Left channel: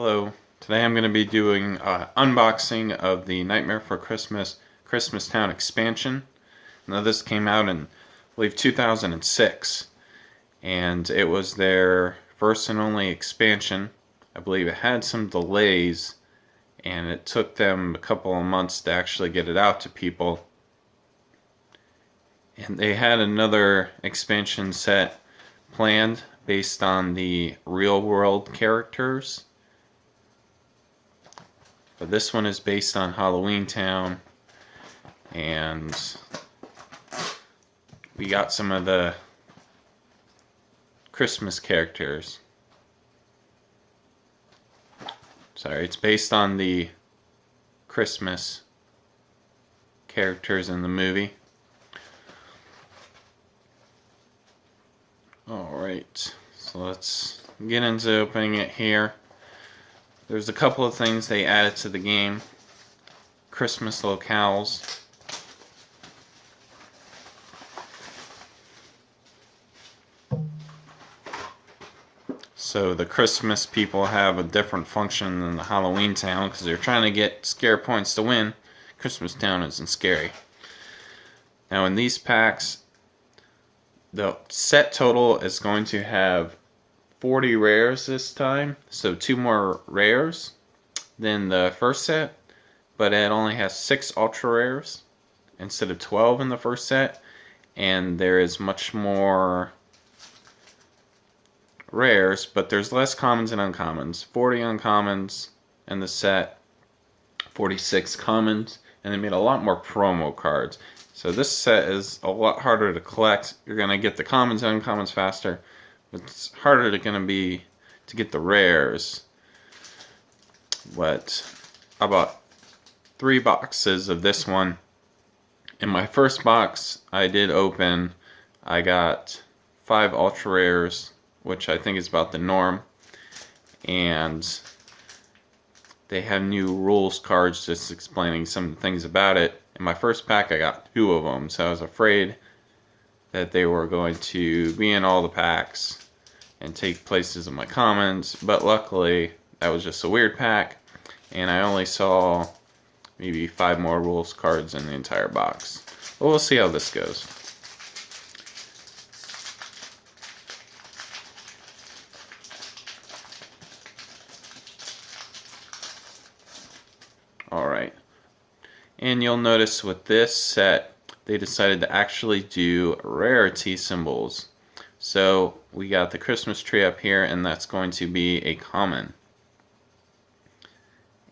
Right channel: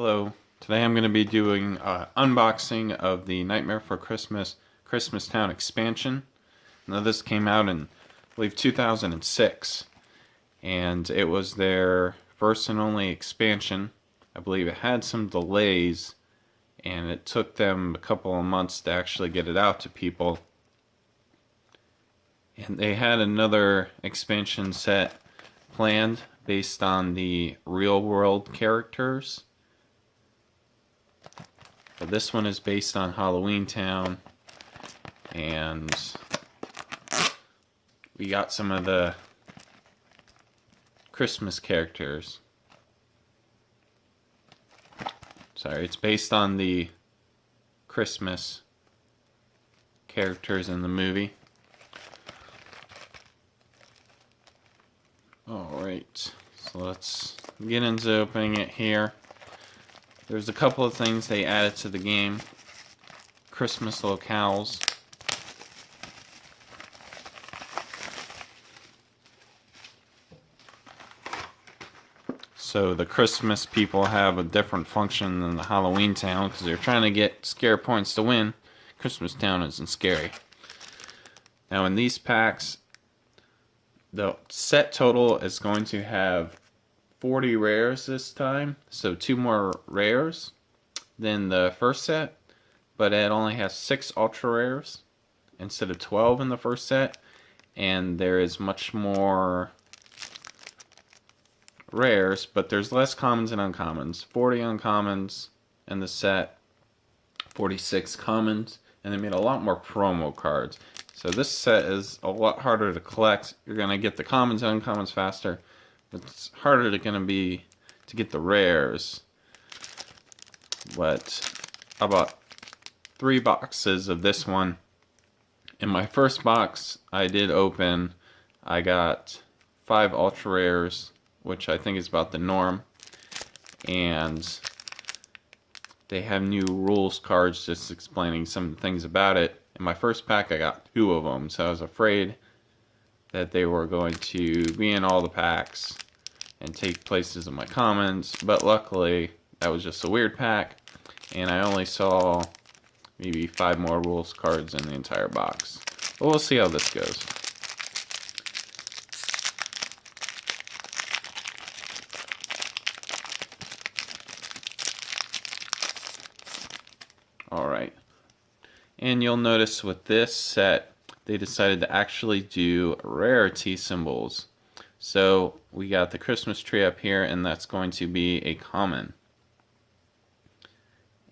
Hello. Today I'm going to be doing unboxing of the Nightmare for Christmas Town expansion. Now this came out in, I believe, 2006, and it was their first and only expansion. I believe it had some delays, and it took them a couple of months to actually get it out to people. And they had another expansion set planned based on the real world characters. But this one is based on Halloween Town, and we got some of the Christmas characters. Sorry, it's based on the Christmas characters in the movie. Alright, so let's get into opening it here. There's a couple of things they added to the game. Christmas locales. So the Christmas people have a different function than the Halloween Town because they're trying to get scare points to win. Christmas Town isn't scary. Now in these packs, the set total is going to have 40 rares this time, so 2 more rares than the first set, but it only has 6 ultra rares instead of 12 in the first set, and there is much more rares, but there's less commons and uncommons. 40 uncommons in the set, 46 commons, and they made a lot more promo cards. So this set is a lot harder to collect. You're going to get the commons and uncommons faster. It's harder going to be to get the rares. But I bought 3 boxes of this one. In my first box I did open, I got 5 ultra rares, which I think is about the norm. And they have new rules cards just explaining some things about it. In my first pack I got 2 of them, so I was afraid that they were going to be in all the packs and take places in my commons, but luckily that was just a weird pack, and I only saw maybe 5 more rules cards in the entire box. But we'll see how this goes. Alright, and you'll notice with this set they decided to actually do rarity symbols. So we got the Christmas tree up here, and that's going to be a common.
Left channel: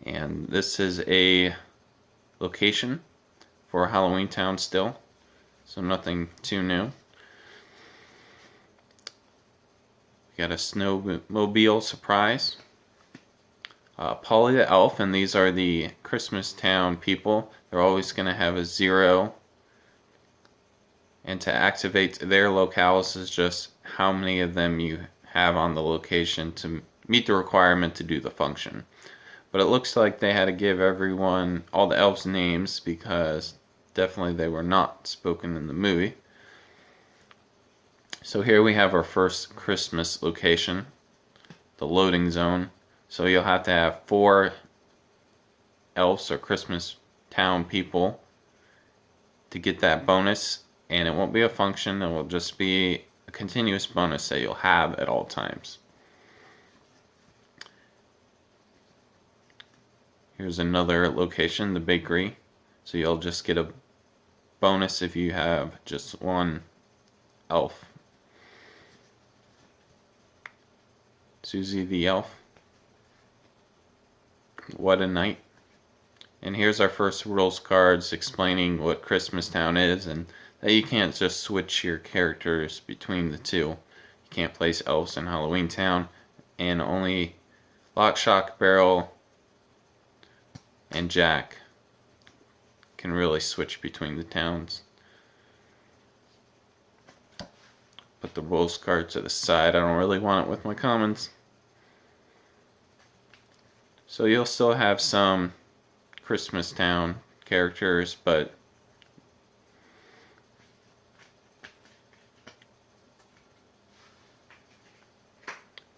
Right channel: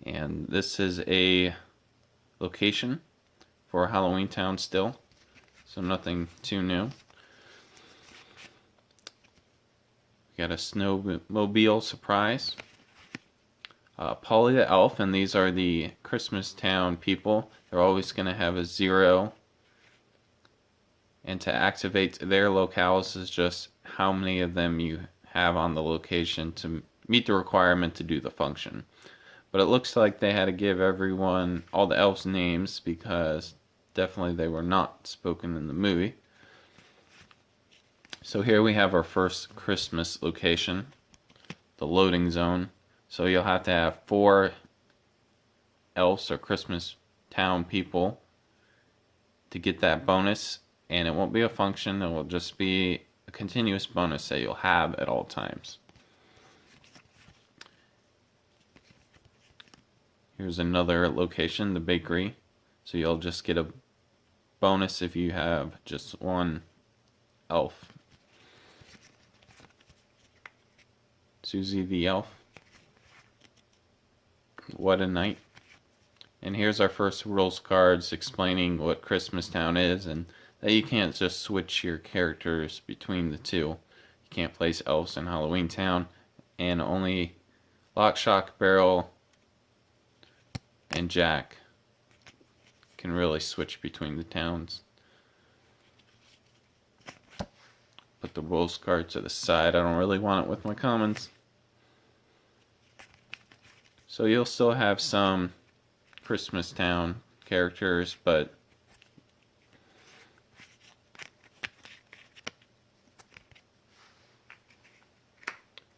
And this is a location for Halloween Town still, so nothing too new. We got a snowmobile surprise. Polly the Elf, and these are the Christmas Town people. They're always going to have a 0. And to activate their locales is just how many of them you have on the location to meet the requirement to do the function. But it looks like they had to give everyone, all the elves, names because definitely they were not spoken in the movie. So here we have our first Christmas location, the loading zone. So you'll have to have 4 elves or Christmas Town people to get that bonus. And it won't be a function, it will just be a continuous bonus that you'll have at all times. Here's another location, the bakery. So you'll just get a bonus if you have just 1 elf. Susie the Elf. What a night. And here's our first rules cards explaining what Christmas Town is, and that you can't just switch your characters between the two. You can't place elves in Halloween Town, and only Lock, Shock, Barrel, and Jack can really switch between the towns. Put the rules card to the side. I don't really want it with my commons. So you'll still have some Christmas Town characters, but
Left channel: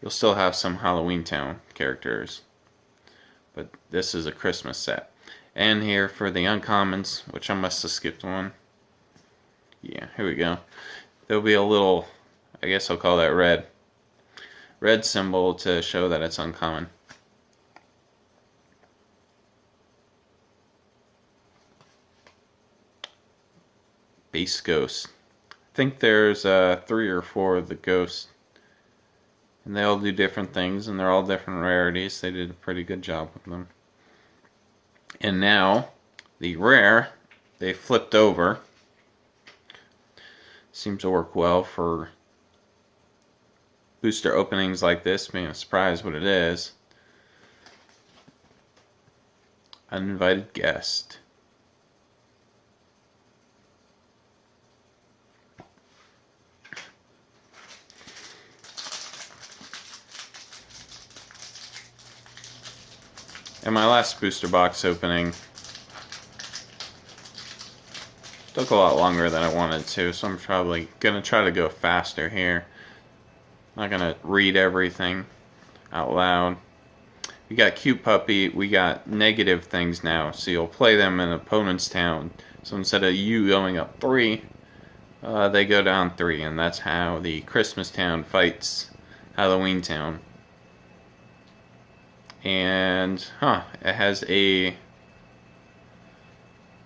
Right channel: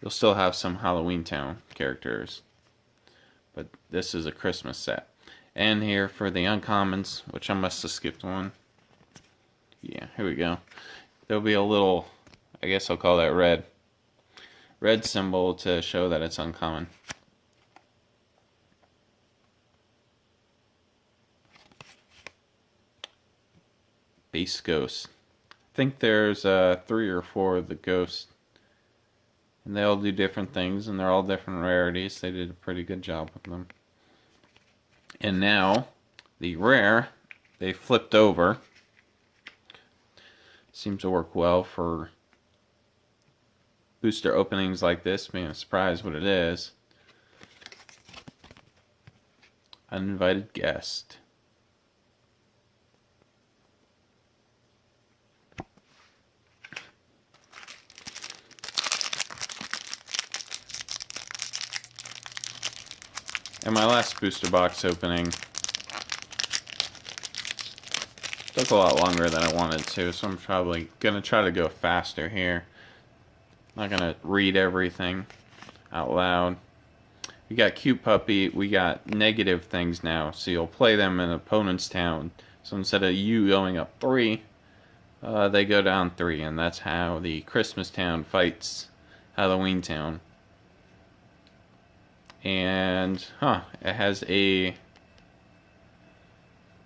you'll still have some Halloween Town characters. but this is a Christmas set. And here for the uncommons, which I must have skipped one. Yeah, here we go. There'll be a little, I guess I'll call that red symbol to show that it's uncommon. Base ghost. I think there's 3 or 4 of the ghosts, and they all do different things, and they're all different rarities. They did a pretty good job with them. And now the rare, they flipped over. Seems to work well for booster openings like this, being a surprise what it is. Uninvited guest. And my last booster box opening took a lot longer than I wanted to, so I'm probably going to try to go faster here. I'm not going to read everything out loud. We got Cute Puppy, we got negative things now, so you'll play them in opponent's town. So instead of you going up 3, they go down 3, and that's how the Christmas town fights Halloween town. And, it has a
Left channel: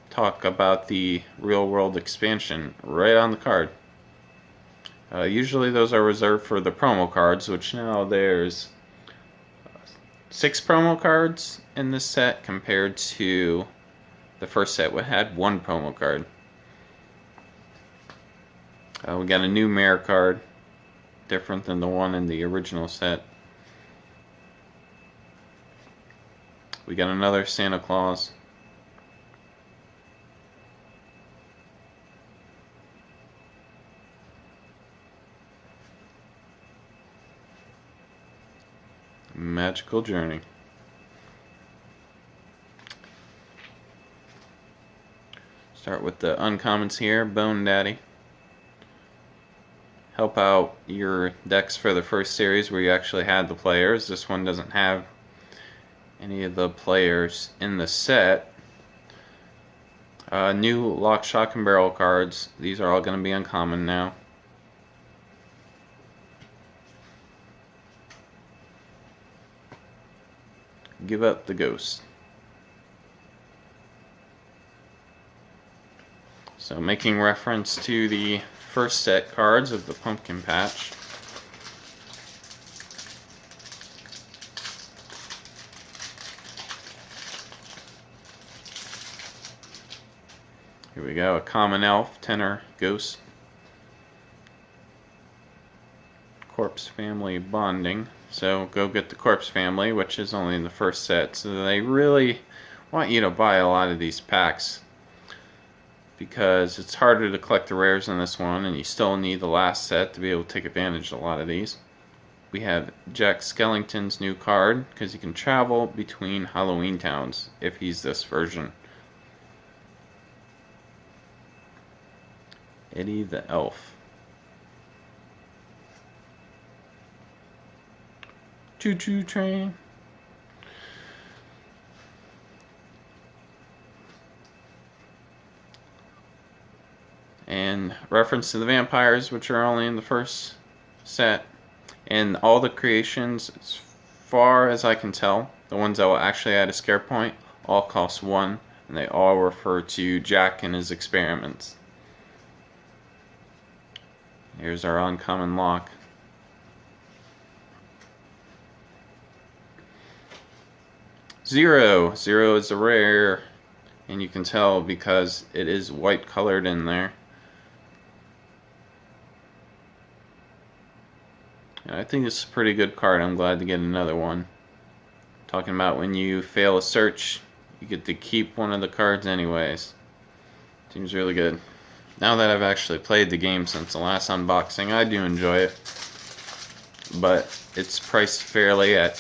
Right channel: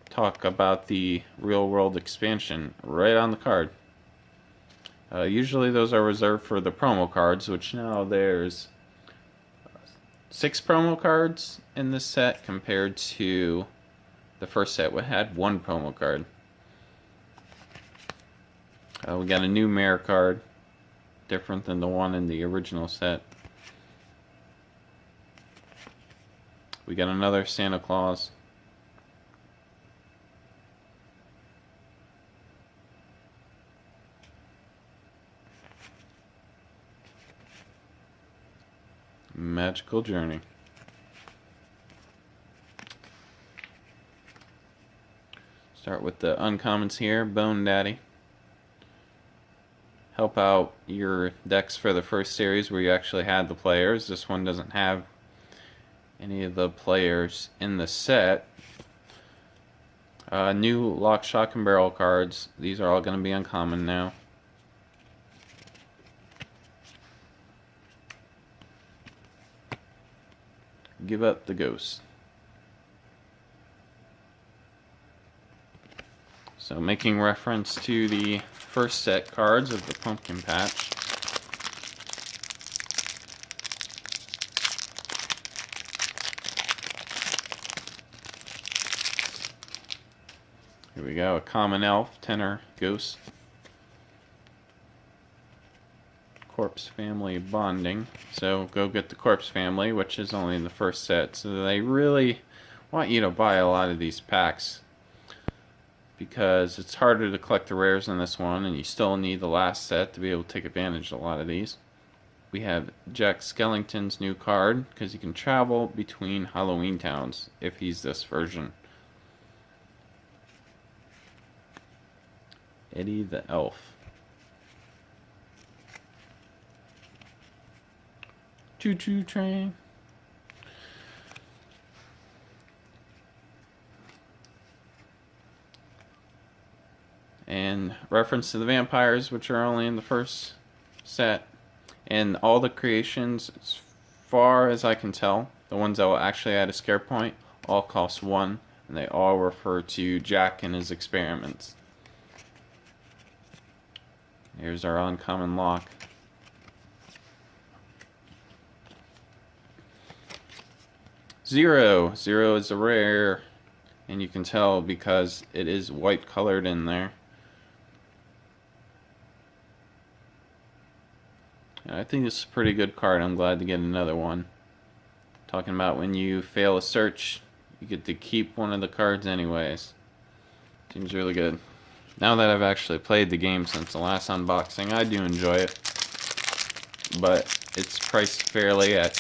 talk about the real world expansion right on the card. Usually those are reserved for the promo cards, which now there's 6 promo cards in this set compared to the first set which had 1 promo card. We got a new Mayor card, different than the one in the original set. We got another Santa Claus. Magical Journey. Start with the uncommons here. Bone Daddy. Help out your decks for the first series where you actually had the players. This one doesn't have any of the players in the set. New Lock, Shock, and Barrel cards. These are all going to be uncommon now. Give Up the Ghost. So making reference to the first set cards of the pumpkin patch. Here we go, a common elf, tenor, ghost. Corpse family bonding. So go get the corpse family, which is only in the first set. So they really want you to buy a lot of these packs because it's harder to collect the rares in this one, and you still need the last set to be able to take advantage of a lot of these. We have Jack Skellington's new card because he can travel between Halloween towns if he's this version. Eddie the Elf. Choo Choo Train. And reference to the vampires, which are only in the first set. And all the creations, as far as I can tell, the ones that will actually add a scare point, all cost 1. And they all refer to Jack and his experiments. Here's our uncommon lock. Zero. Zero is a rare, and you can tell because it is white colored in there. I think this is a pretty good card. I'm glad to get another one. Talking about when you fail a search, you get to keep one of the cards anyways. Seems really good. Now that I've actually played the game since the last unboxing, I do enjoy it. But it's priced fairly at...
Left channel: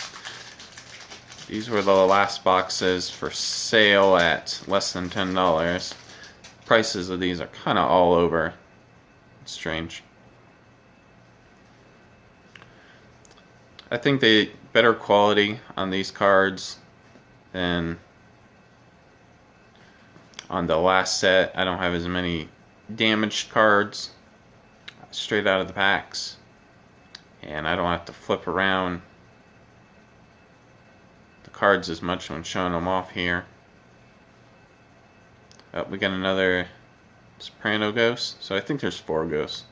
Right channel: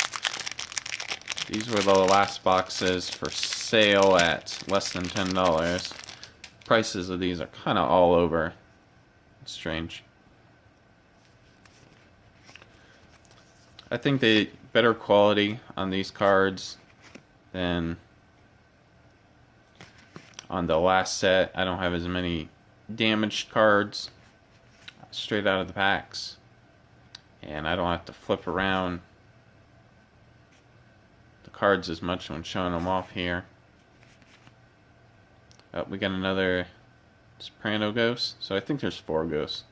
These were the last boxes for sale at less than $10. Prices of these are kind of all over. It's strange. I think the better quality on these cards Then on the last set, I don't have as many damaged cards straight out of the packs. And I don't have to flip around the cards as much when showing them off here. Oh, we got another Soprano ghost. So I think there's 4 ghosts.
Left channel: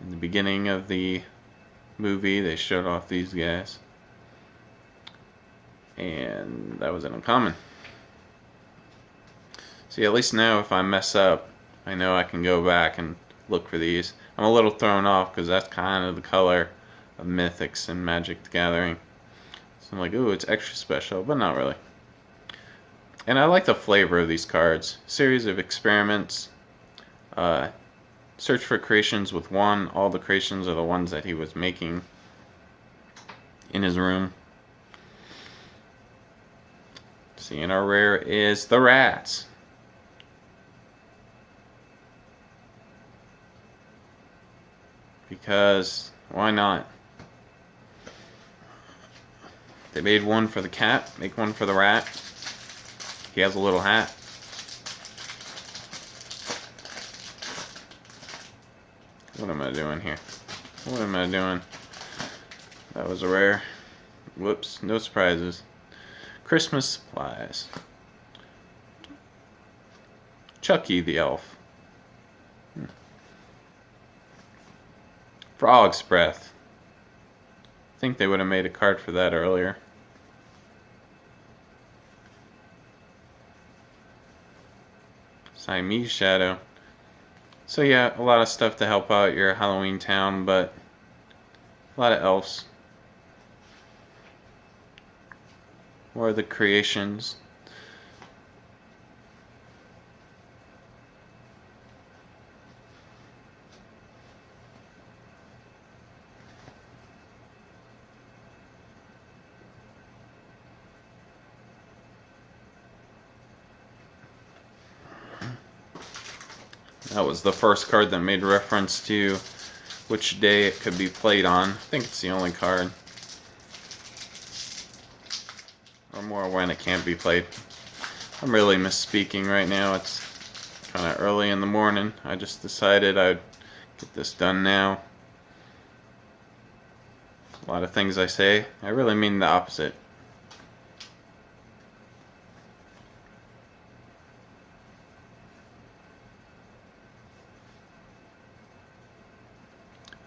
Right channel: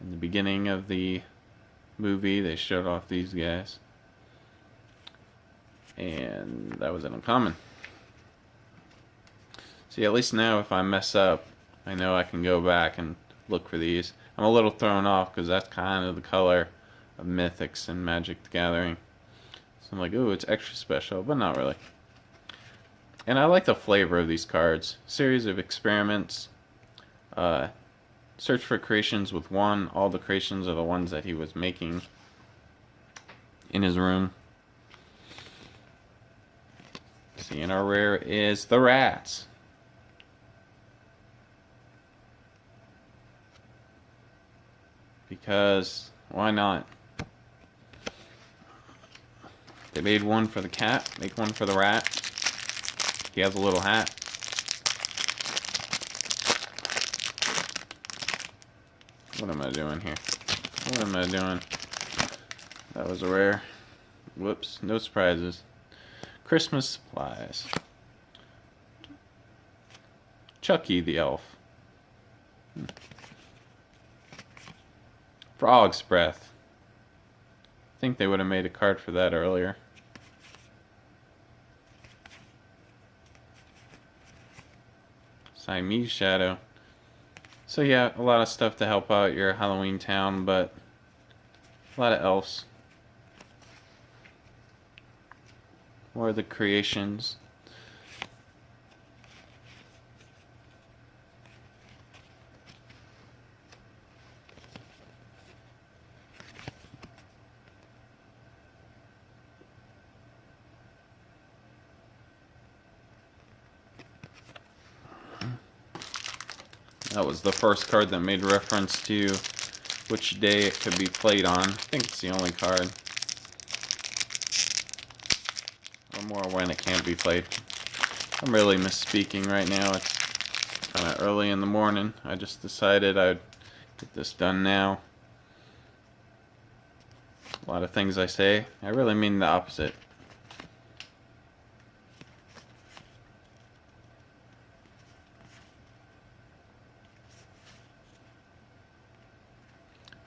In the beginning of the movie, they showed off these guys. And that was an uncommon. See, at least now if I mess up, I know I can go back and look for these. I'm a little thrown off because that's kind of the color of Mythics and Magic the Gathering. So I'm like, ooh, it's extra special, but not really. And I like the flavor of these cards. Series of experiments. Search for creations with 1. All the creations are the ones that he was making in his room. See, and our rare is the rats. Because why not? They made one for the cat, make one for the rat. He has a little hat. What am I doing here? What am I doing? That was a rare. Whoops, no surprises. Christmas supplies. Chucky the elf. Frog's breath. I think they would have made a card for that earlier. Siamese shadow. So yeah, a lot of stuff to help out your Halloween town, but a lot of elves. More of the creations. That was the first card that made reference to which day it could be played on. I think it's the only card. Or more when it can't be played. I'm really misspeaking right now. It's kind of early in the morning. I just decided I'd get this done now. A lot of things I say, I really mean the opposite.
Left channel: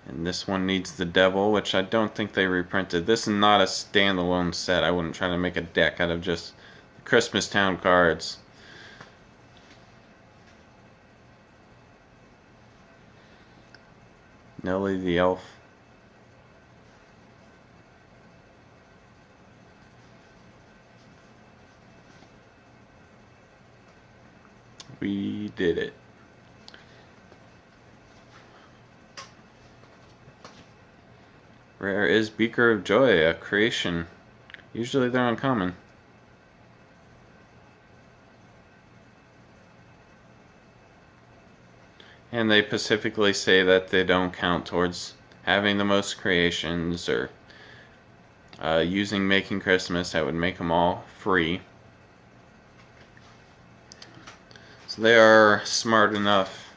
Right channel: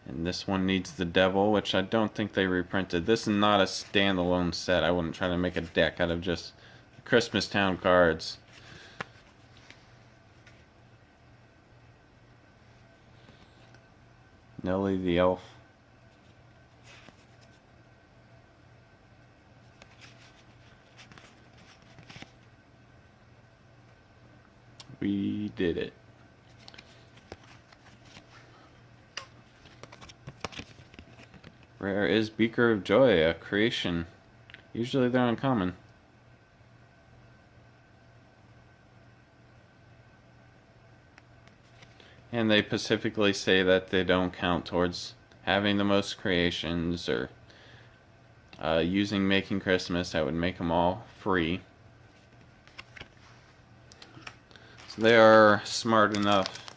And this one needs the devil, which I don't think they reprinted. This is not a standalone set. I wouldn't try to make a deck out of just Christmas Town cards. Nelly the elf. We did it. Rare is Beaker of Joy, a creation. Usually they're uncommon. And they specifically say that they don't count towards having the most creations or using Making Christmas. That would make them all free. So they are smart enough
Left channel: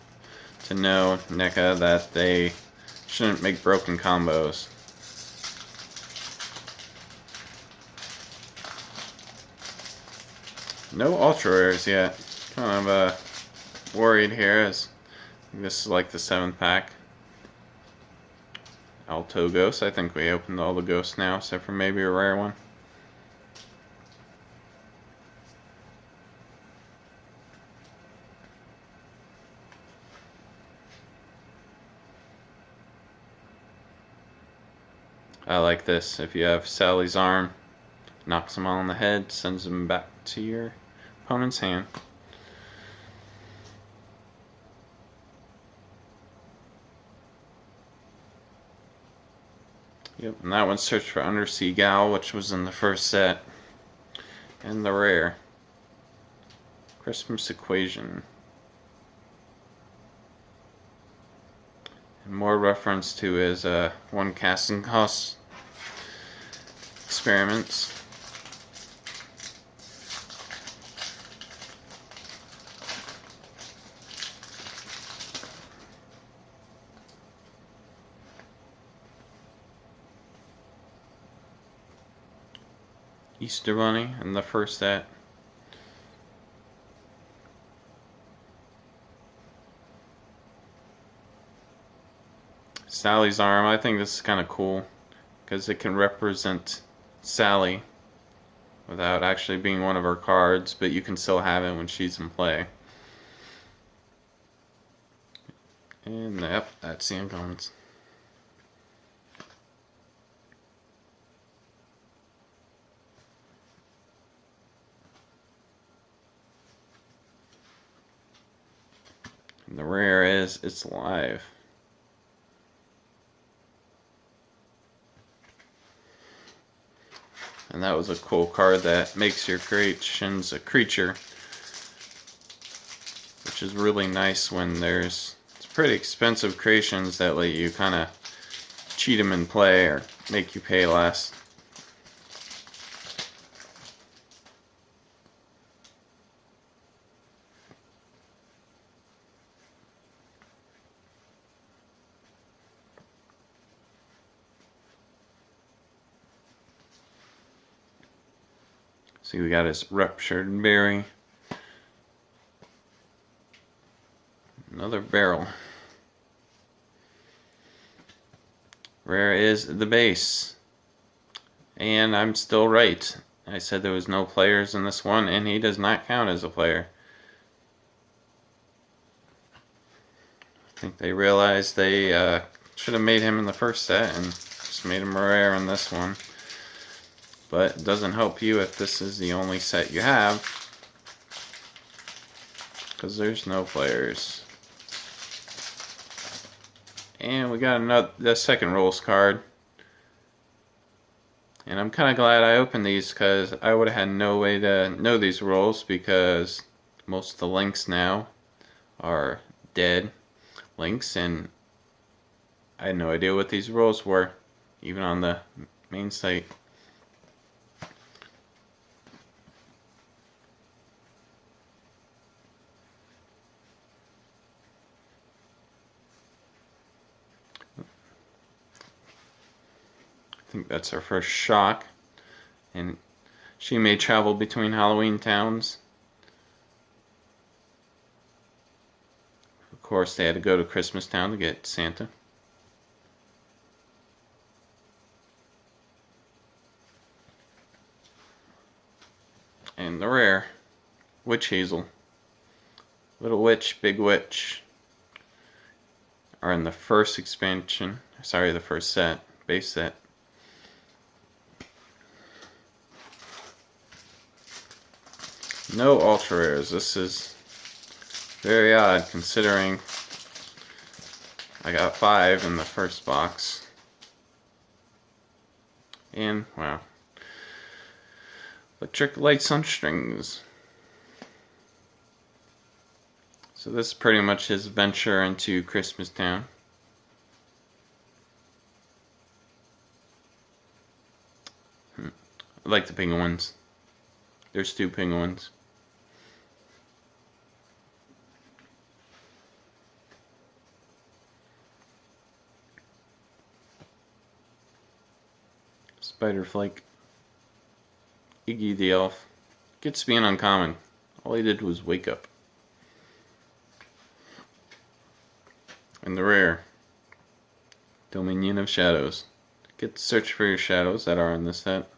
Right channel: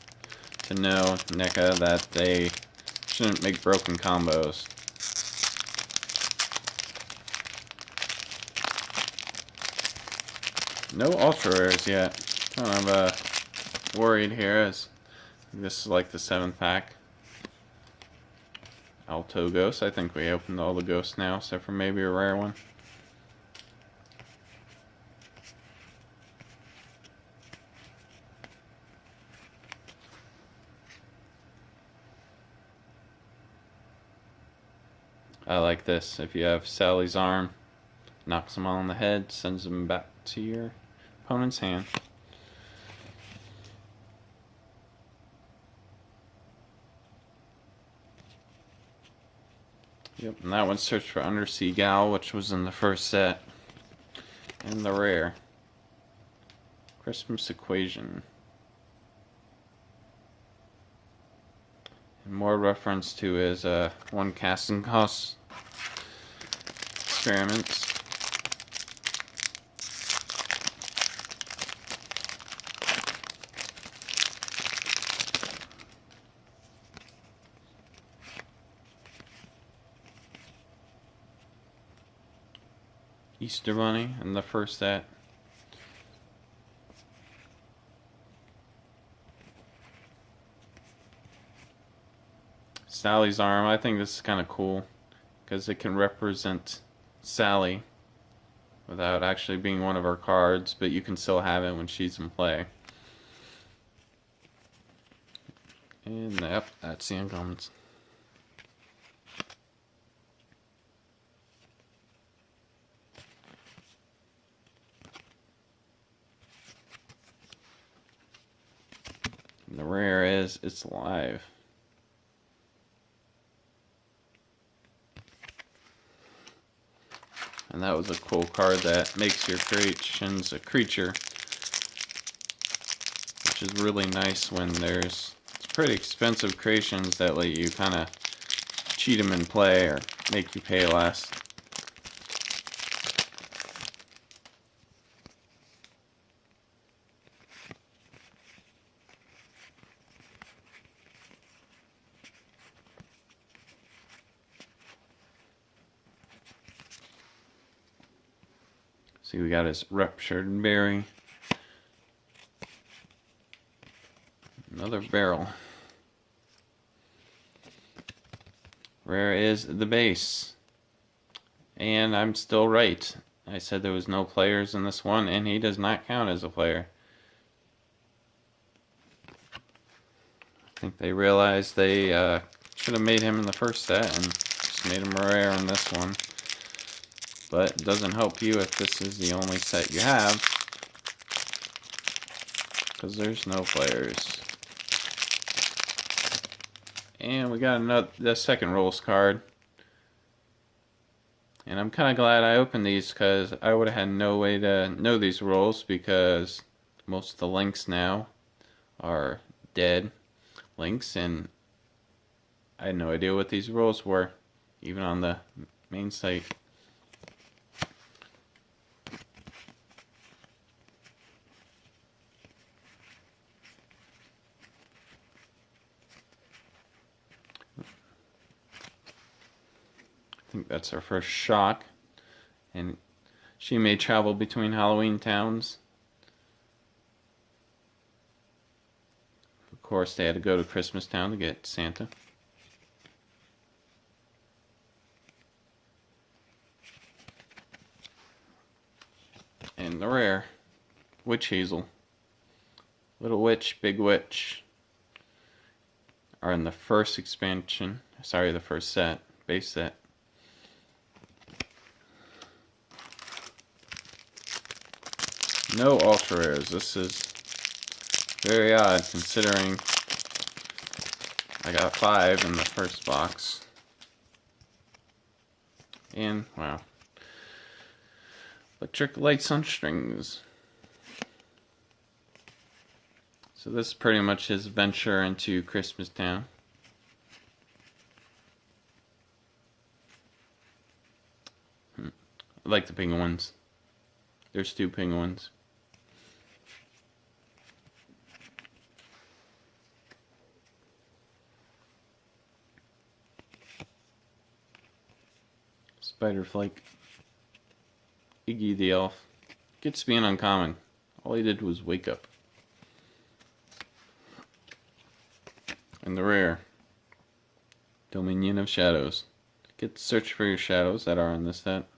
to know, NECA, that they shouldn't make broken combos. No ultra rares yet. Kind of worried here, as this is like the 7th pack. Alto Ghost. I think we opened all the ghosts now, except for maybe a rare one. I like this. If you have Sally's arm, knocks them all on the head, sends them back to your opponent's hand. Yep, and that one searched for Undersea Gal, which was in the first set. And the rare. Christmas Equation. More reference to his one casting house experiments. Easter Bunny and the first set. Sally's arm. I think this is kind of cool because it can represent Sally without actually being one of her cards, but you can still have it when she's in play. And yep, that's the uncommons. And the rare is it's live. And that was a cool card that makes your creations a creature, which is really nice when there's pretty expensive creations that let you kind of cheat them in play or make you pay less. See, we got his ruptured berry. Another barrel. Rare is the base. And I'm still right. I said there was no players in this one, and he does not count as a player. I think they realized they should have made him in the first set and just made him rare in this one. But it doesn't help you if this is the only set you have, because there's no players. And we got the second rules card. And I'm kind of glad I opened these because I would have had no way to know these rules, because most of the links now are dead links, and I had no idea what these rules were, even on the main site. I think that's our first shock, and she may travel between Halloween towns. Of course, they had to go to Christmas Town to get Santa. And the rare, Witch Hazel. Little Witch, Big Witch are in the first expansion, sorry, the first set, base set. No ultra rares. This is very odd considering I got 5 in the first box. And wow. Electric Lights on Strings. So this is pretty much his venture into Christmas Town. I like the penguins. There's 2 penguins. Spiderflake. Iggy the Elf. Gets to be an uncommon. All he did was wake up. And the rare. Dominion of Shadows. Get to search for your shadows that are in this set.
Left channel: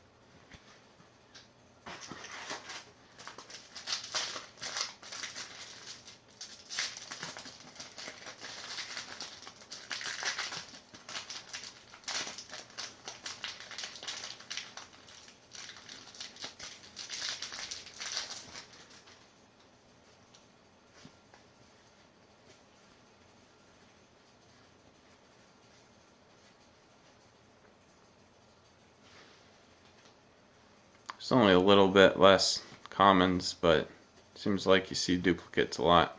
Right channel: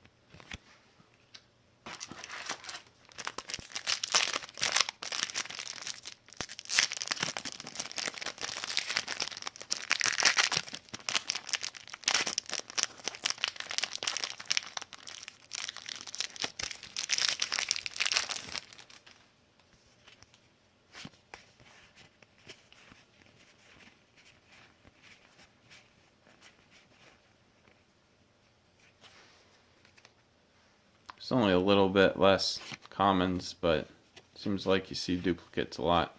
It's only a little bit less commons, but it seems like you see duplicates a lot.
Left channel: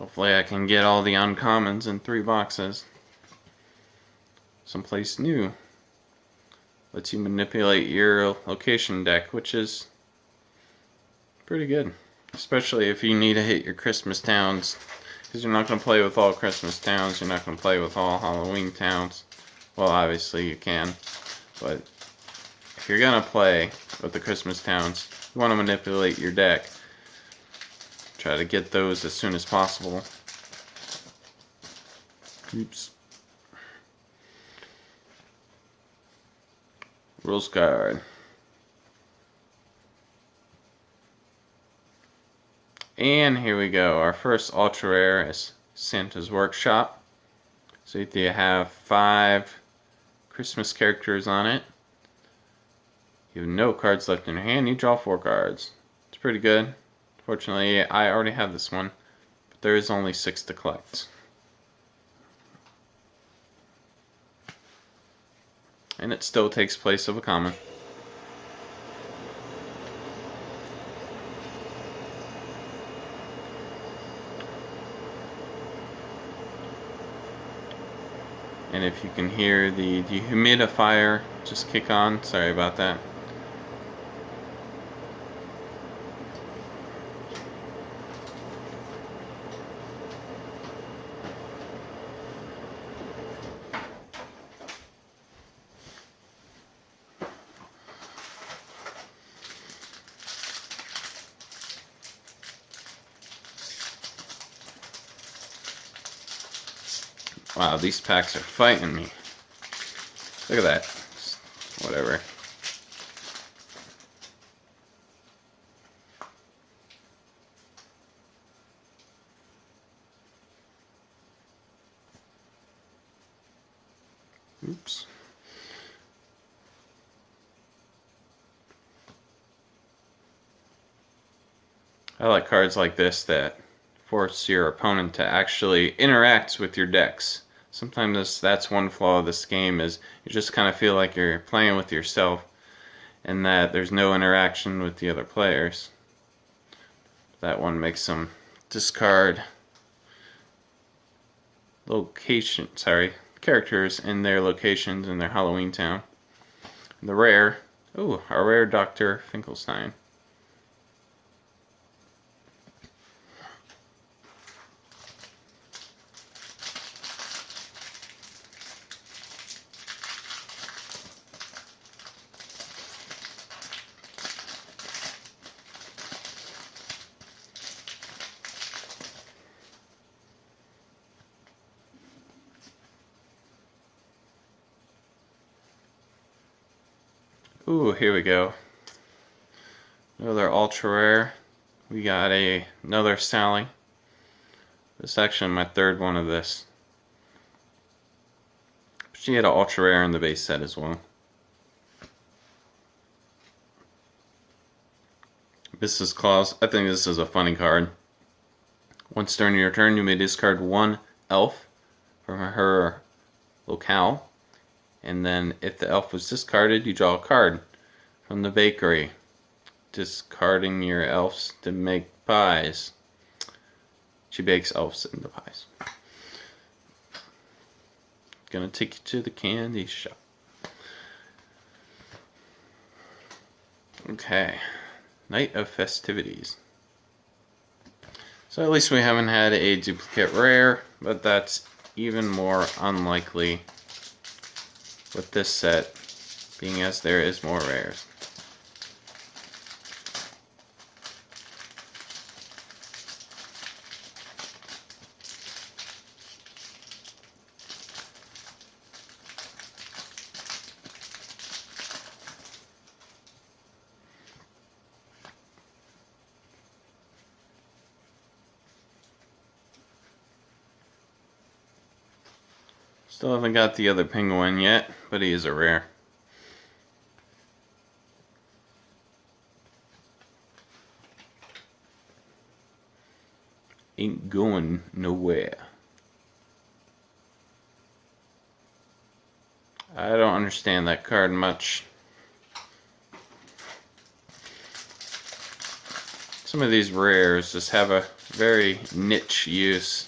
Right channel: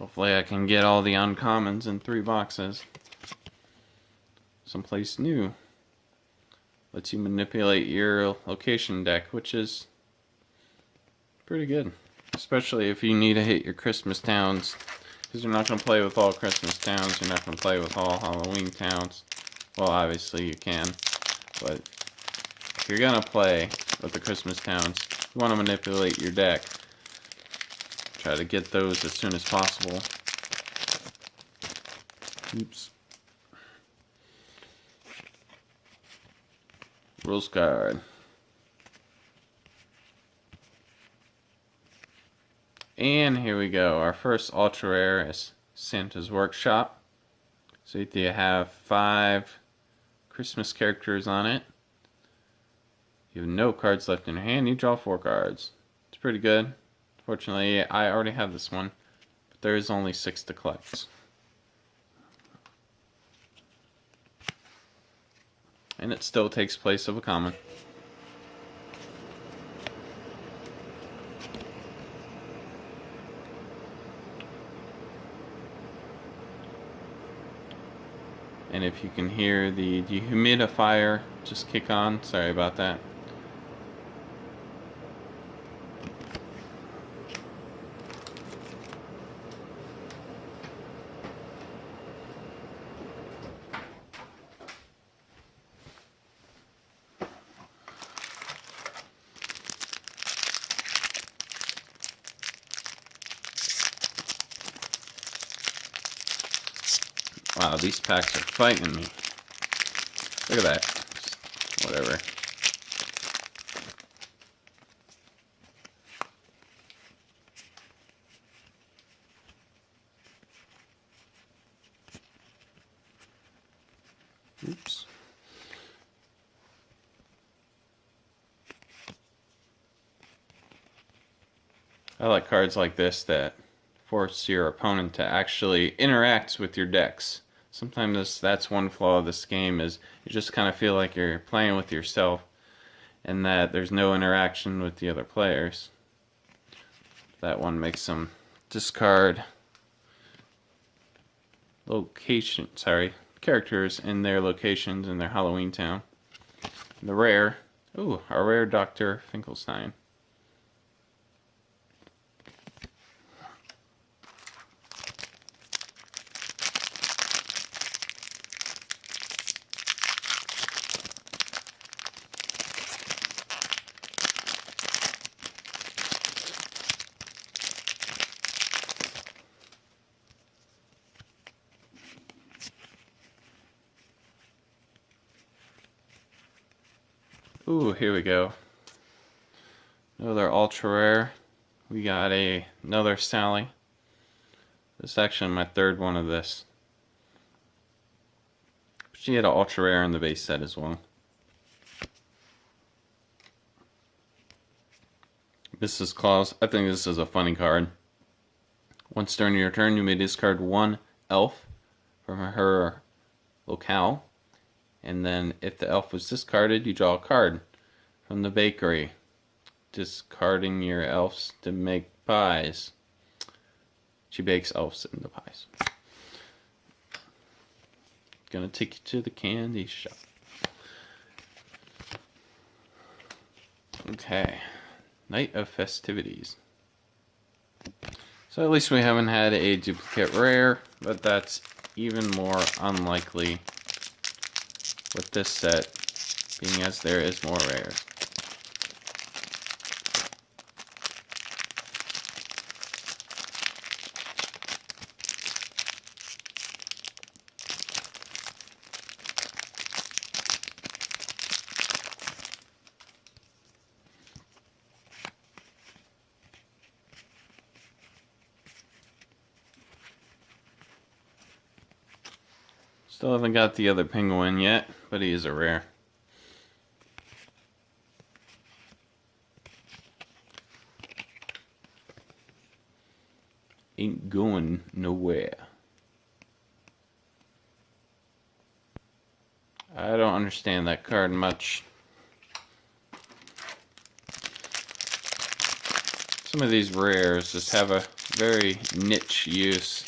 Hopefully I can get all the uncommons in 3 boxes. Someplace new. Lets you manipulate your location deck, which is pretty good. Especially if you need to hit your Christmas towns. Because you're not going to play with all Christmas towns. You're not going to play with all Halloween towns. Well, obviously you can. But if you're going to play with the Christmas towns, you want to manipulate your deck. Try to get those as soon as possible. Oops. Rules card. And here we go. Our first ultra rare is Santa's Workshop. So you have 5 Christmas characters on it. You have no cards left in your hand. You draw 4 cards. It's pretty good. Fortunately, I already have this one, but there is only 6 to collect. And it still takes place of a common. And if you can hear the dehumidifier just kick on, sorry about that. Wow, these packs are fighting me. Look at that. Whatever. Oops. I like cards like this that force your opponent to actually interact with your decks. Sometimes that's one flaw of this game, is you just kind of feel like you're playing with yourself and that there's no interaction with the other players. That one makes them discard characters in their locations in their Halloween town. The rare, a rare Dr. Finkelstein. Ooh, here we go. Another ultra rare. We got another Sally. This is actually my 3rd one of this. She had an ultra rare in the base set as well. This is Claus. I think this is a funny card. Once during your turn, you may discard 1 elf from her locale. And then if the elf was discarded, you draw a card from the bakery. Discarding your elves to make pies. She bakes elves into pies. Gonna take you to the candy shop. Okay. Night of Festivities. So at least we haven't had a duplicate rare, but that's even more unlikely with this set, being as there is more rares. Still haven't got the other penguin yet, but he is a rare. Ain't going nowhere. I don't understand that card much. Some of these rares just have a Very niche use.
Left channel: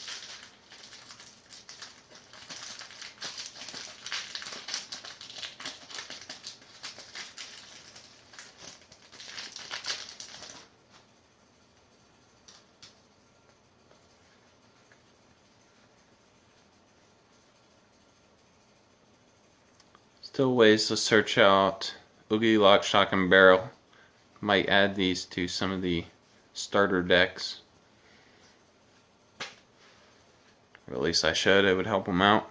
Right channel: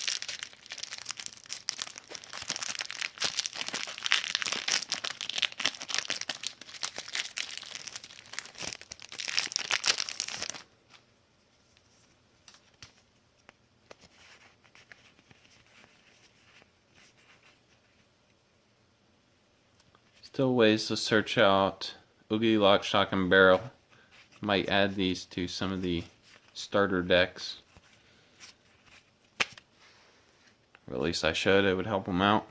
Still ways to search out Oogie, Lock, Shock, and Barrel. Might add these to some of the starter decks. Or at least I should. It would help them out.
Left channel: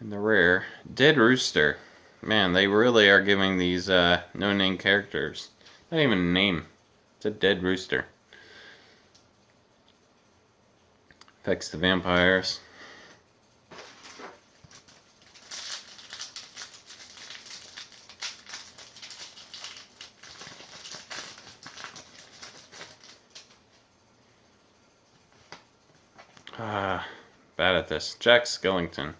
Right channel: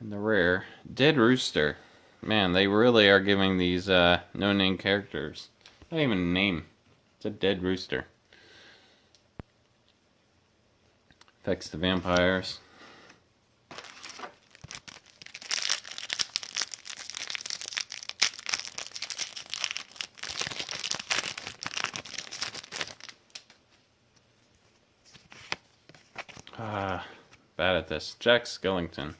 And the rare Dead Rooster. Man, they really are giving these no-name characters not even a name. It's a dead rooster. Affects the vampires. Bad at this. Jack Skellington.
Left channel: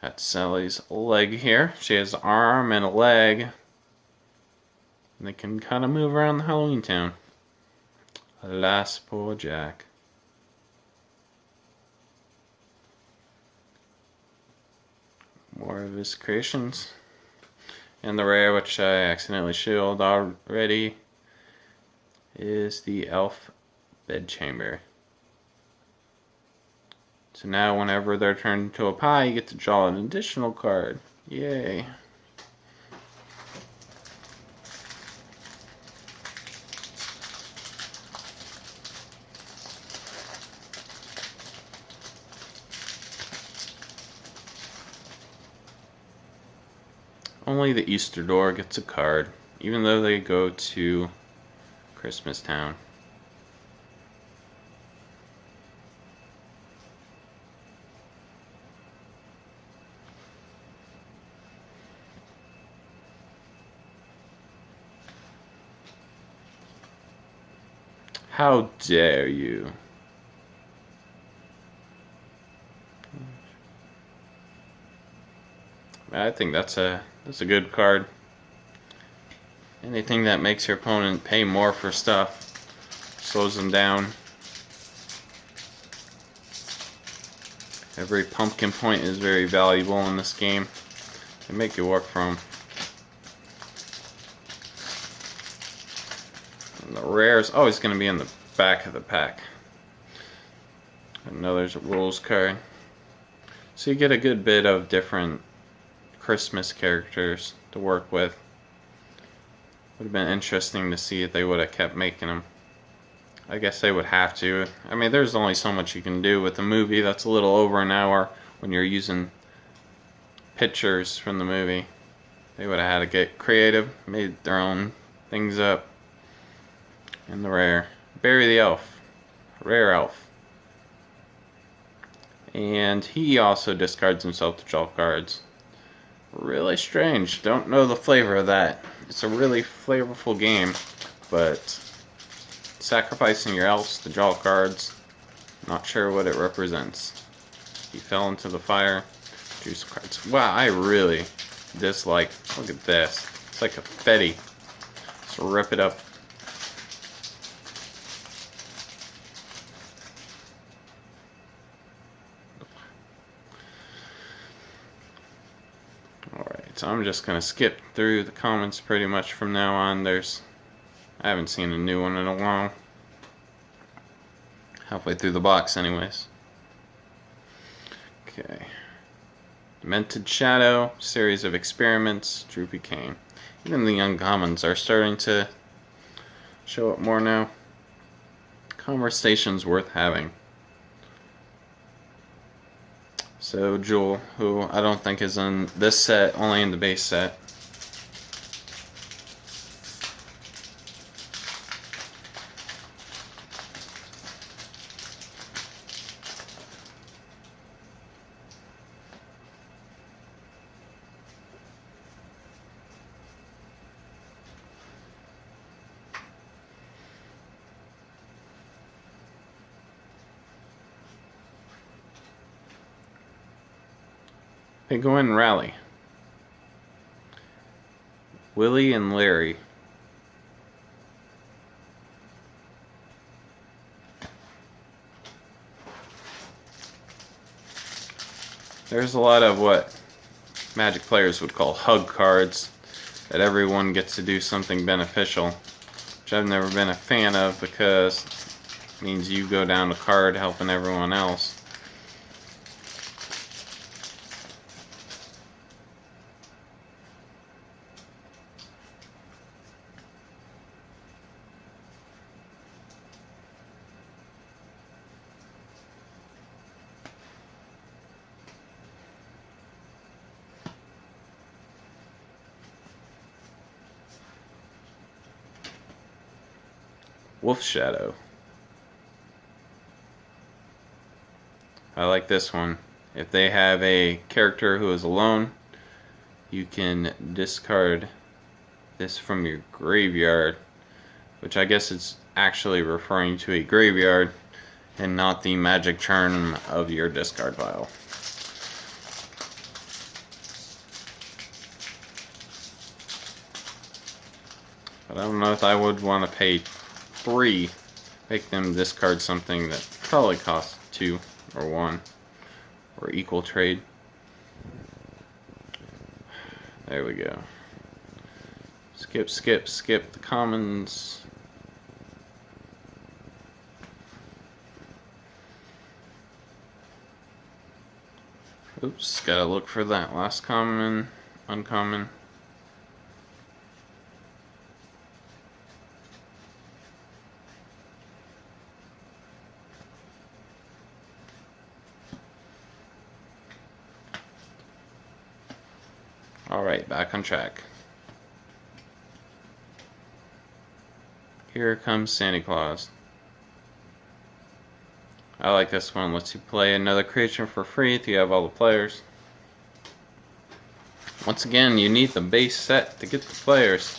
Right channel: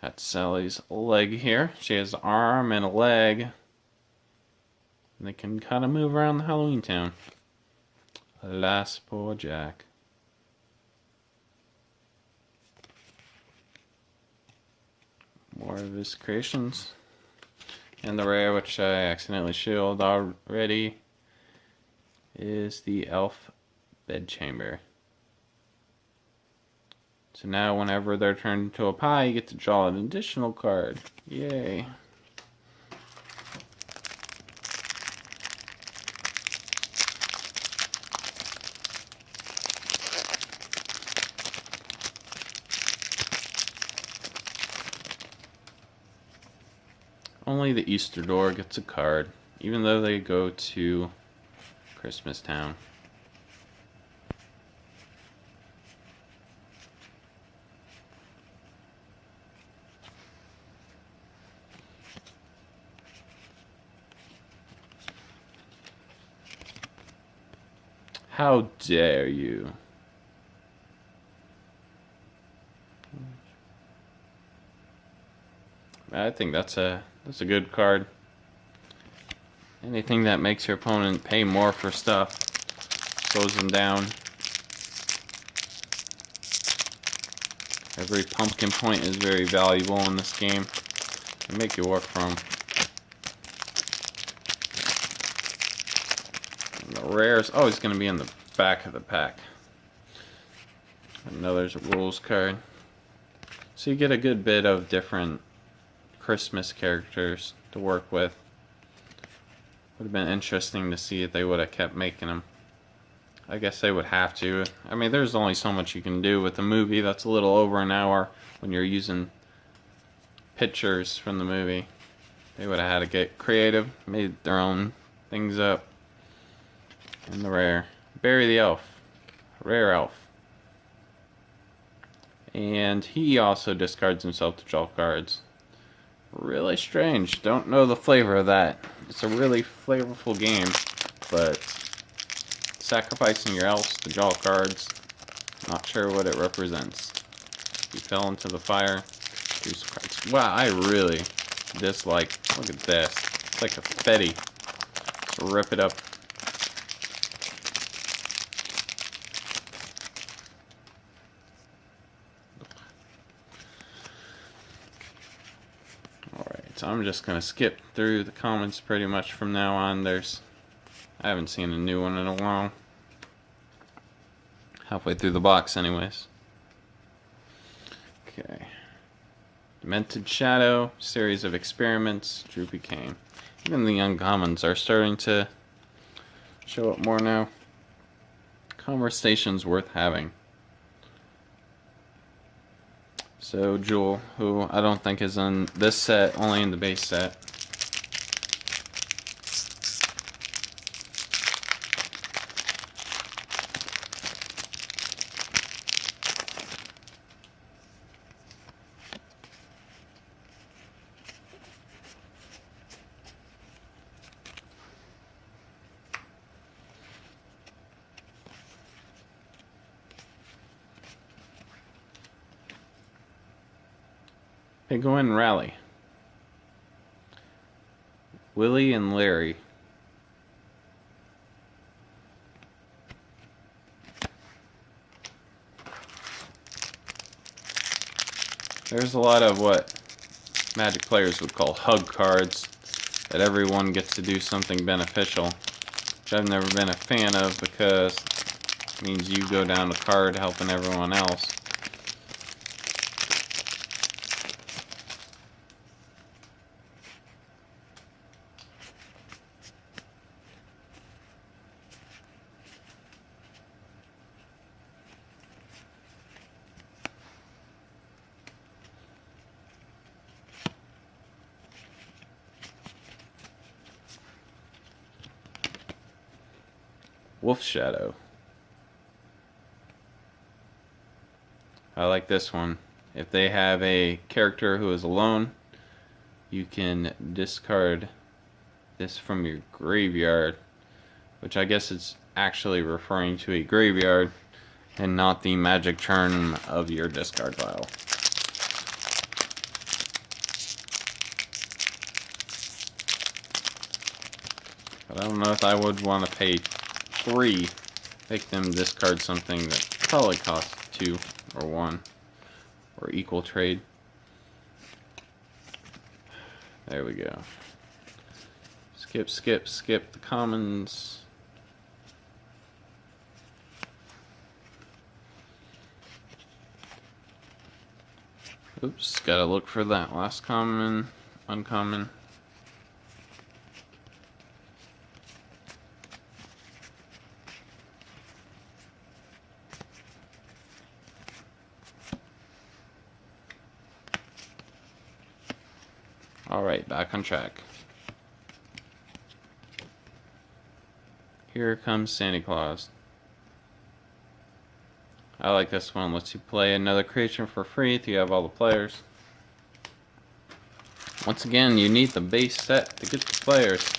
That's Sally's leg here. She has an arm and a leg. And they can kind of move around the Halloween town. Alas, poor Jack. More of his creations. And the rare, which I accidentally shielded already, is the Elf Bedchamber. So now whenever they're turned into a pie, you get to draw an additional card. Yay. Only the Easter door gets a card, even though they go to Christmas Town. How dare you? I think that's a good card. Anything that makes your opponent pay more for stuff slows them down. Every pumpkin point is very valuable in this game. And make you work for them. And the rare is always going to be in the back of the pack. Another rules card. So you get a good bit of different Christmas characters to work with. Would have been interesting to see if they would have kept making them. I guess they would have to. I mean, there's only so much you can do with a movie that's a little over an hour when you're using pictures from the movie. They would have had to get creative, made their own things up. And the rare. Barry the Elf. Rare elf. And he also discards himself to draw cards. Really strange. Don't know the flavor of that. It's a really flavorful game, but sacrificing your elves to draw cards, not sure what it represents. He fell into the fire. Drew some cards. Wow, I really dislike. Look at this. It's like a confetti. Let's rip it up. So I'm just going to skip through the comments pretty much from now on. I haven't seen a new one in a while. Halfway through the box anyways. Okay. Demented Shadow, Series of Experiments, Droopy Cane. Even the uncommons are starting to show up more now. Conversations worth having. So Jewel, who I don't think is in this set, only in the base set. Okay, go ahead and rally. Willie and Larry. There's a lot of what Magic players would call hug cards, that everyone gets to do something beneficial, which I've never been a fan of because it means you go down a card helping everyone else. Wolf Shadow. I like this one. If they have a character who is alone, you can discard this from your graveyard, which I guess is actually referring to a graveyard and not the magic turn of your discard pile. But I don't know if I would want to pay 3, make them discard something that probably costs 2 or 1 or equal trade. There we go. Skip, skip, skip the commons. Oops, gotta look for that last common, uncommon. Alright, back on track. Here comes Santa Claus. I like this one. Lets you play another creature for free if you have all the players. Once again, you need the base set to get the players.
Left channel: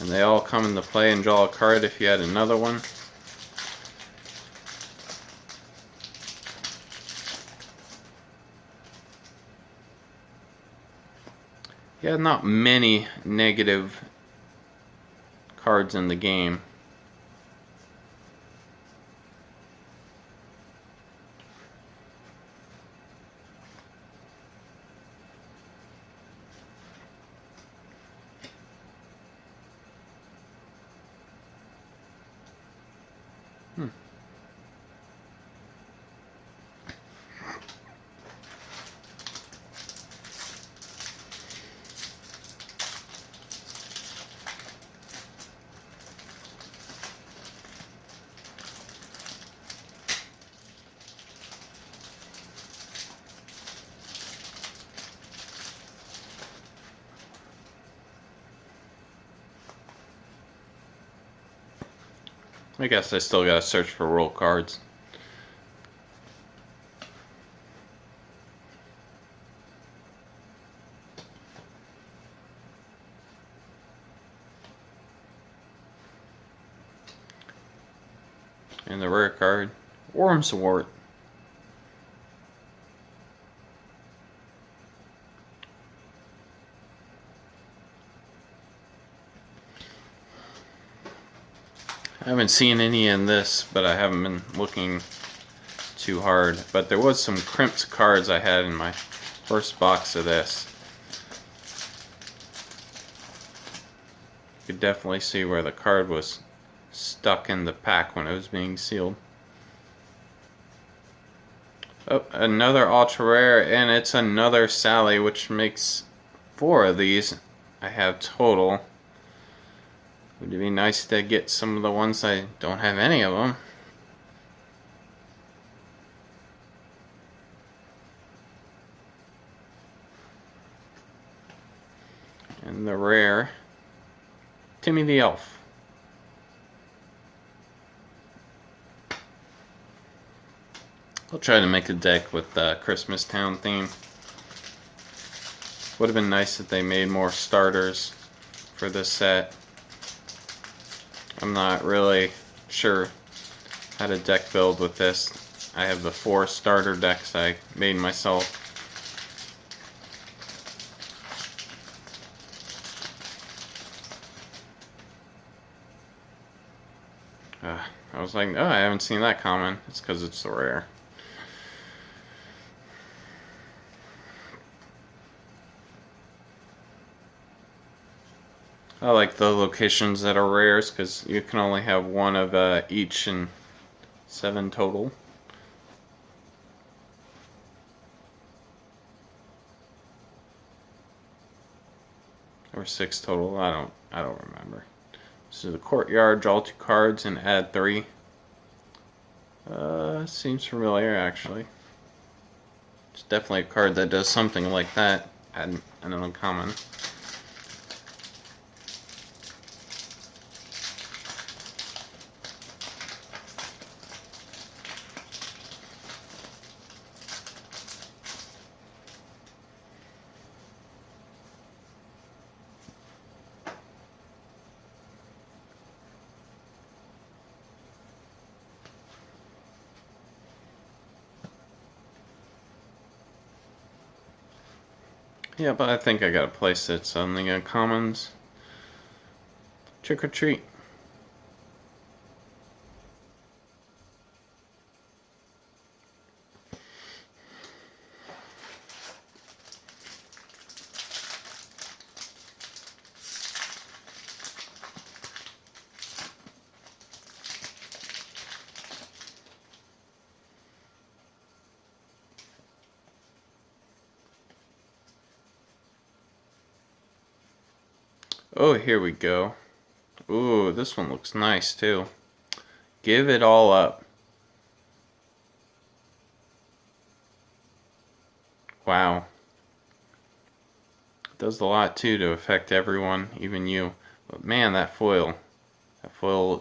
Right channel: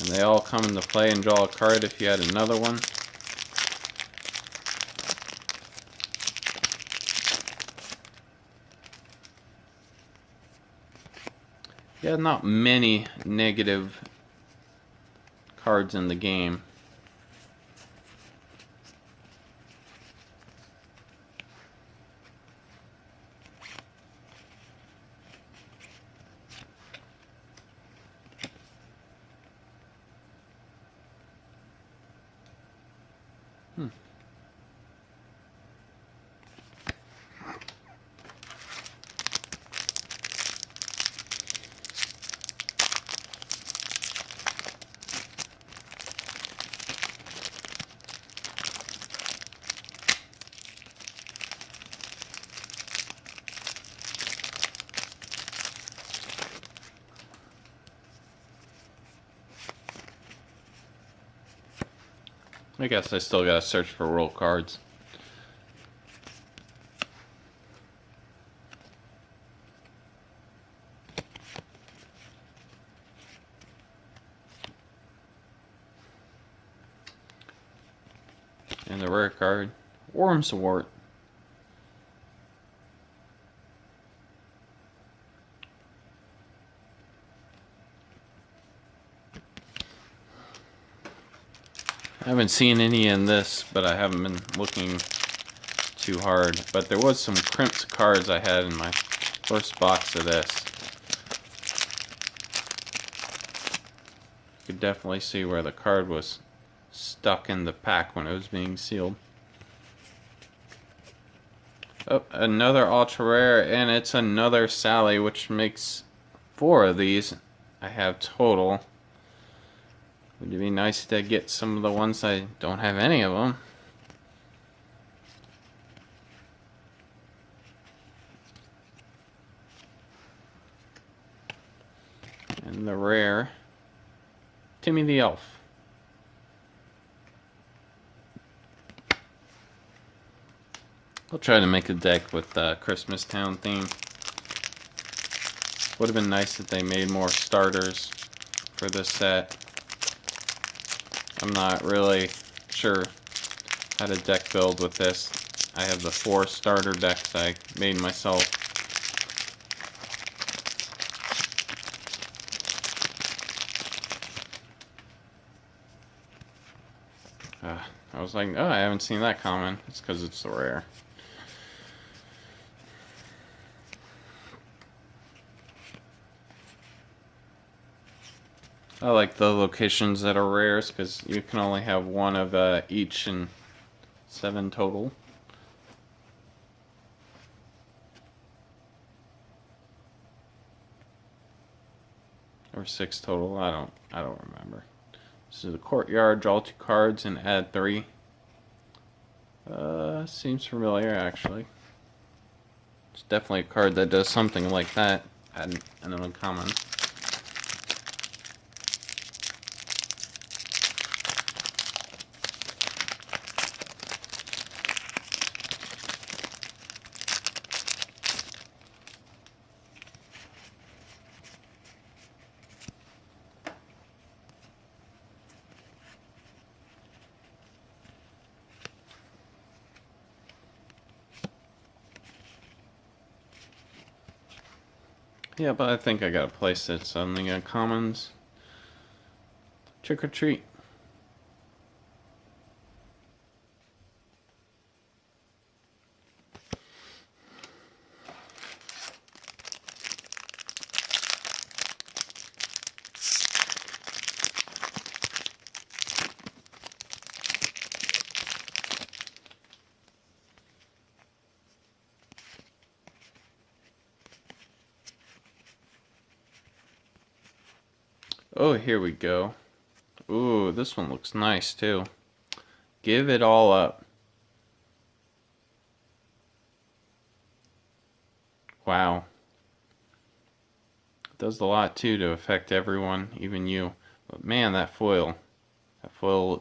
And they all come into play and draw a card if you add another one. Yeah, not many negative cards in the game. I guess I still gotta search for roll cards. And the rare card, Wormswort. I haven't seen any in this, but I haven't been looking too hard. But there was some crimped cards I had in my first box of this. You could definitely see where the card was stuck in the pack when it was being sealed. Oh, another ultra rare, and it's another Sally, which makes 4 of these I have total. Would it be nice to get some of the ones I don't have any of them? And the rare, Timmy the Elf. I'll try to make a deck with the Christmas Town theme. Would have been nice if they made more starters for this set. I'm not really sure how to deck build with this. I have the 4 starter decks I made myself. was like, oh, I haven't seen that common. It's because it's the rare. I like the locations that are rares because you can only have one of each and 7 total. Or 6 total. I don't remember. This is the courtyard. Draw 2 cards and add 3. Seems familiar actually. It's definitely a card that does something like that. Add an uncommon. Yeah, but I think I got a place that's only got commons. Trick or treat. Oh, here we go. Ooh, this one looks nice too. Give it all up. Wow. It does a lot too to affect everyone, even you. But man, that foil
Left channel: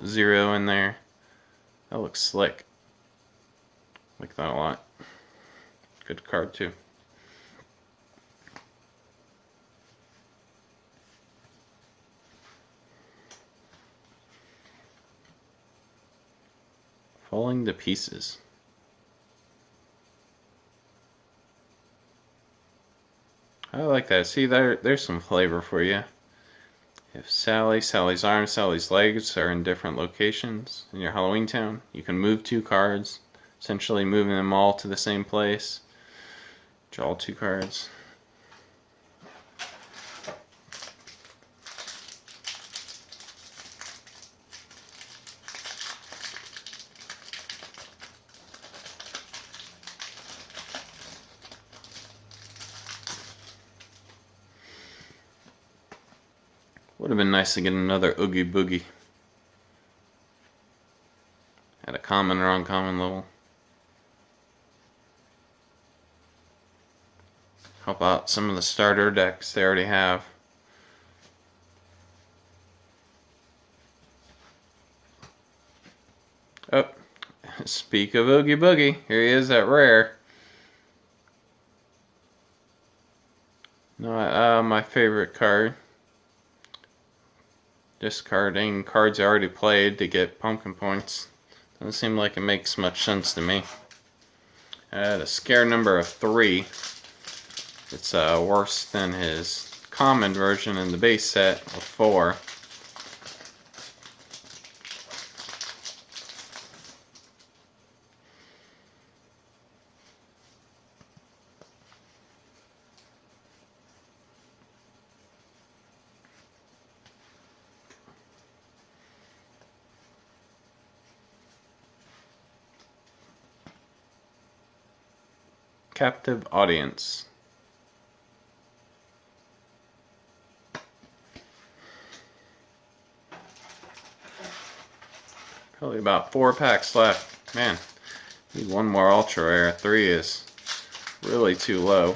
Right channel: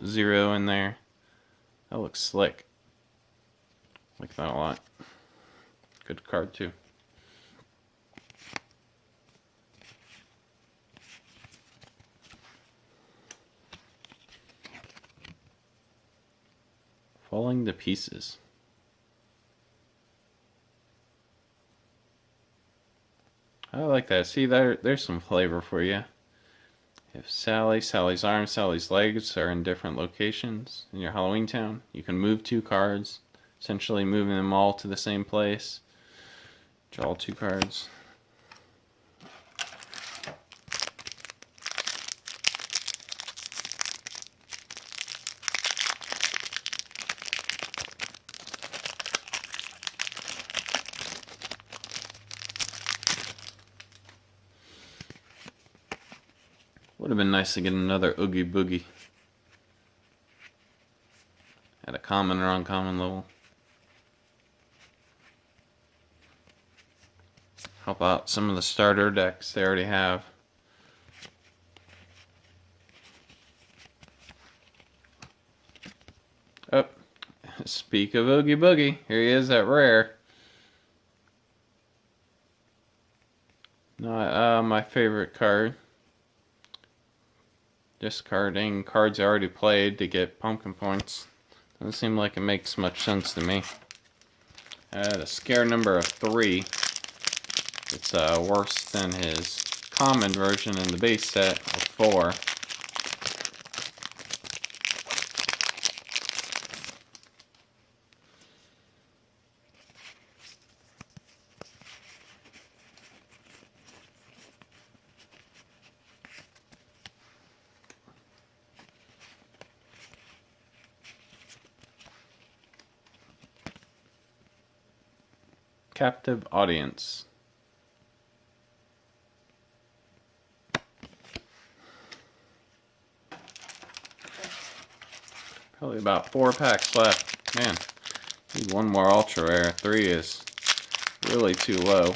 0 in there. That looks slick. Like that a lot. Good card too. Falling to pieces. I like that. See, there's some flavor for you. If Sally's arms, Sally's legs are in different locations in your Halloween town, you can move 2 cards, essentially moving them all to the same place. Draw 2 cards. Would have been nice to get another Oogie Boogie at a common or uncommon level. How about some of the starter decks they already have? Oh, speak of Oogie Boogie, here he is at rare. No, my favorite card. Discarding cards I already played to get pumpkin points. Doesn't seem like it makes much sense to me. I had a scare number of 3. It's worse than his common version in the base set of 4. Captive audience. Probably about 4 packs left. Man, need one more ultra rare. 3 is really too low.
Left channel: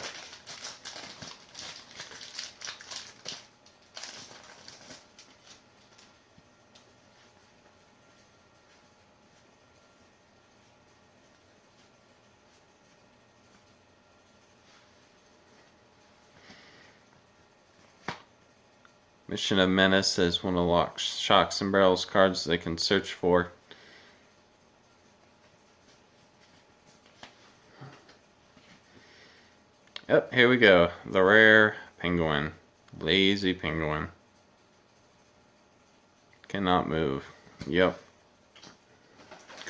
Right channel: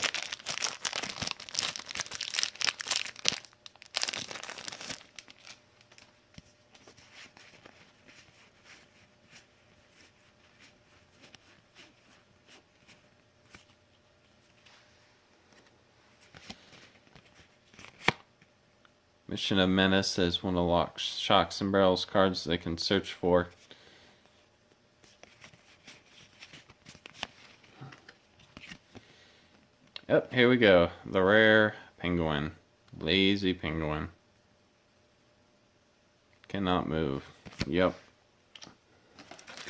Mission of Menace is one of the Shocks and Barrels cards they can search for. Yep, here we go. The rare penguin. Lazy penguin. Cannot move. Yep.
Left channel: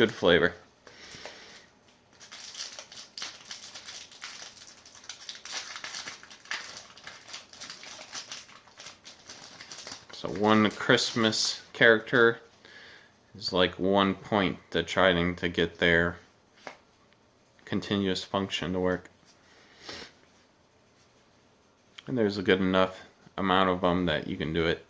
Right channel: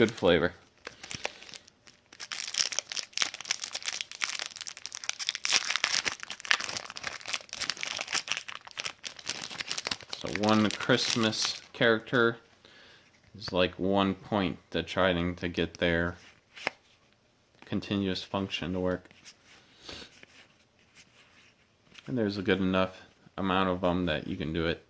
good flavor. So one Christmas character is like 1 point to trying to get their continuous function to work. And there's a good enough amount of them that you can do it.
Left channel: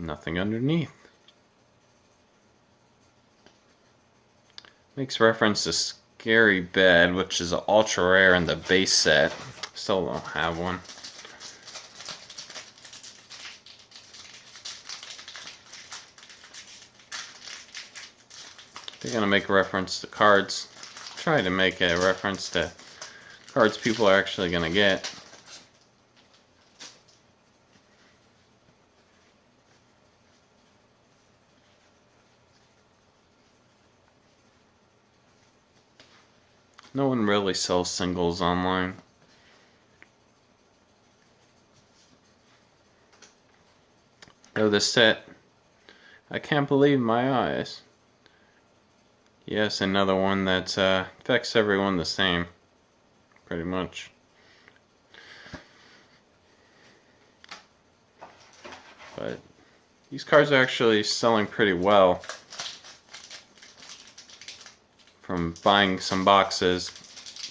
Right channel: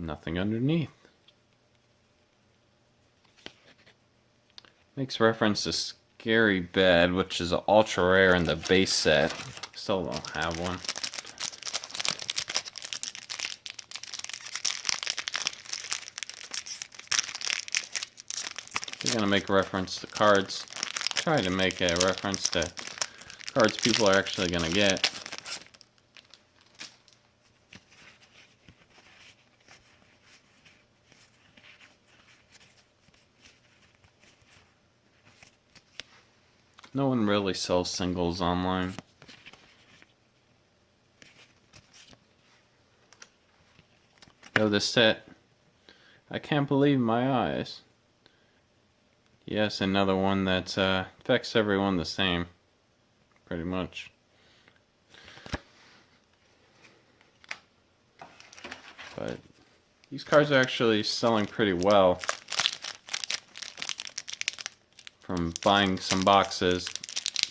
Nothing underneath. Makes reference to Scary Bed, which is ultra rare in the base set. Still don't have one. They're gonna make a reference to cards. Try to make a reference to cards people are actually gonna get. No one really sells singles online. Oh, this set. I can't believe my eyes. Yes, another one that affects everyone the same. Pretty much. But these cards are actually selling pretty well. From buying some boxes,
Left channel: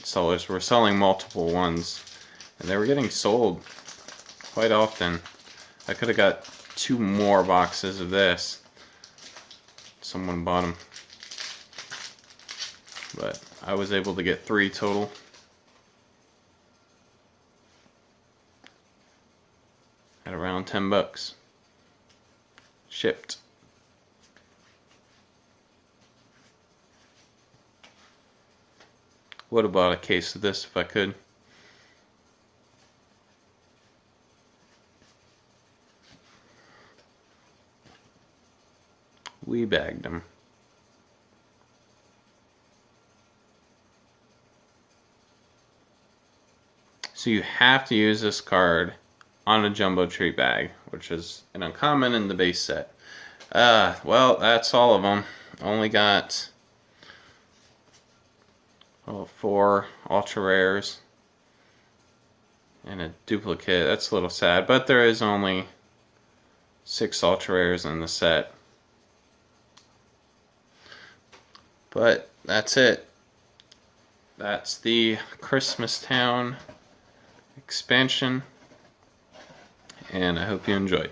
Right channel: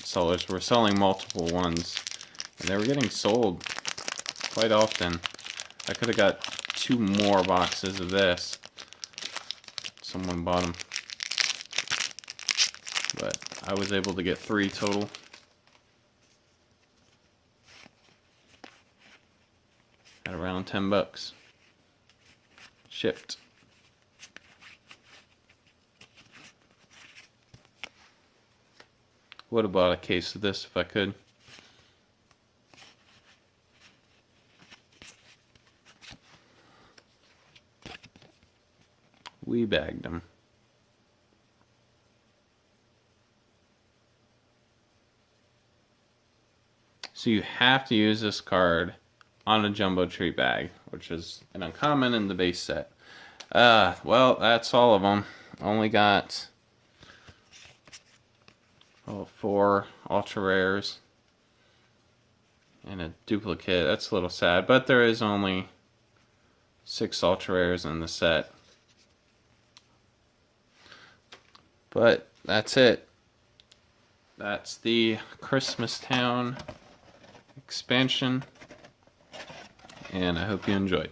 sellers were selling multiple ones, and they were getting sold quite often. I could have got 2 more boxes of this. Someone bought them, but I was able to get 3 total. At around $10 shipped. Would have bought a case of this if I could. We bagged them. So you have to use this card on a jumbo treat bag, which is an uncommon in the base set. Well, that's all of them. Only got 4 ultra rares and a duplicate. That's a little sad, but there is only 6 ultra rares in the set. But that's it. That's the Christmas Town expansion, and I hope you enjoy.